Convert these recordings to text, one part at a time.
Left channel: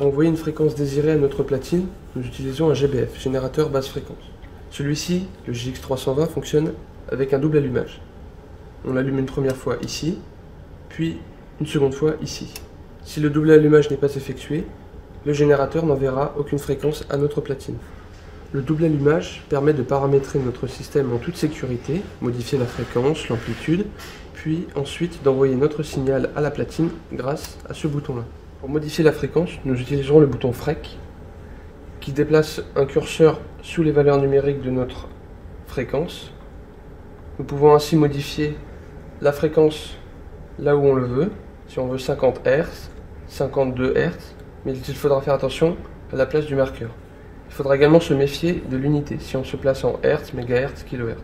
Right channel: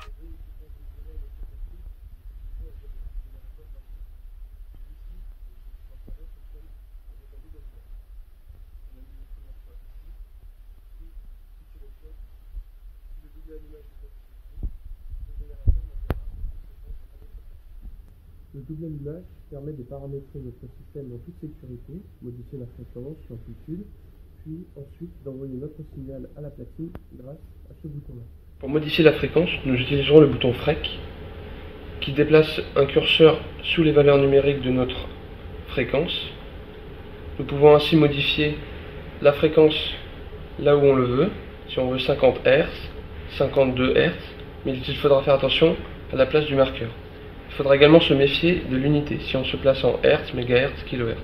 Pour envoyer une fréquence désirée à notre platine, nous utilisons un GBF, générateur basse fréquence. Celui-ci, le JX320, fonctionne avec un double allumage. On l'allume une première fois ici, puis une seconde fois ici. Si le double allumage n'est pas effectué, le générateur n'enverra aucune fréquence à notre platine. Le double allumage permet de paramétrer notre système en toute sécurité, modifier la fréquence, l'amplitude, puis ensuite d'envoyer notre signal à la platine grâce à ce bouton-là. Pour modifier la fréquence, nous utiliserons le bouton FREQ qui déplace un curseur sous les valeurs numériques de notre fréquence. Nous pouvons ainsi modifier la fréquence là où on le veut, si on veut 50 Hz, 52 Hz, mais il faudra faire attention à la place du marqueur. Il faudra également se méfier de l'unité, si on se place en Hz, MHz, kHz.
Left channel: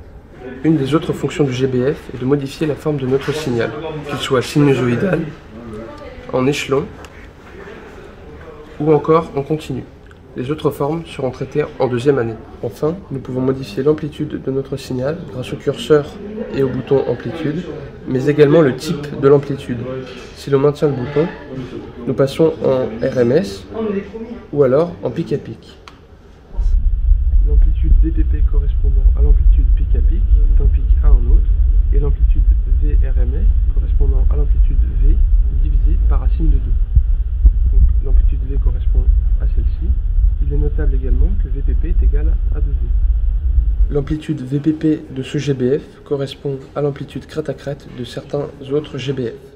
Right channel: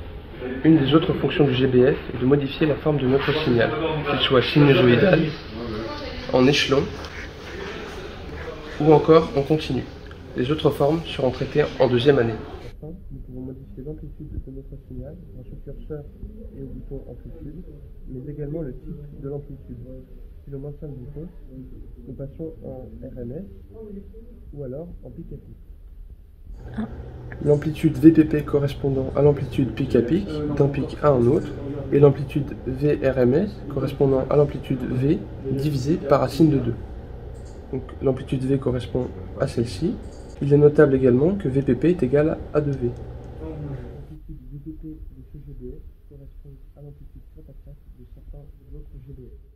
Une des autres fonctions du GBF est de modifier la forme de notre signal, qu'il soit sinusoïdal, en échelon, ou encore en continu. Les autres formes seront traitées en deuxième année. Enfin, nous pouvons modifier l'amplitude de notre signal grâce au curseur et au bouton amplitude, mais également le type de l'amplitude. Si l'on maintient le bouton, nous passons en RMS ou alors en pic à pic. L'amplitude VPP correspondant à l'amplitude pic à pic d'un pic à un autre, et l'amplitude VRMS correspondant à l'amplitude V divisé par racine de 2. Donc l'amplitude V correspond à celle-ci. Il est notable également que VPP est égal à 2V. L'amplitude VPP de ce GBF correspond à l'amplitude crête à crête de certains autres GBF.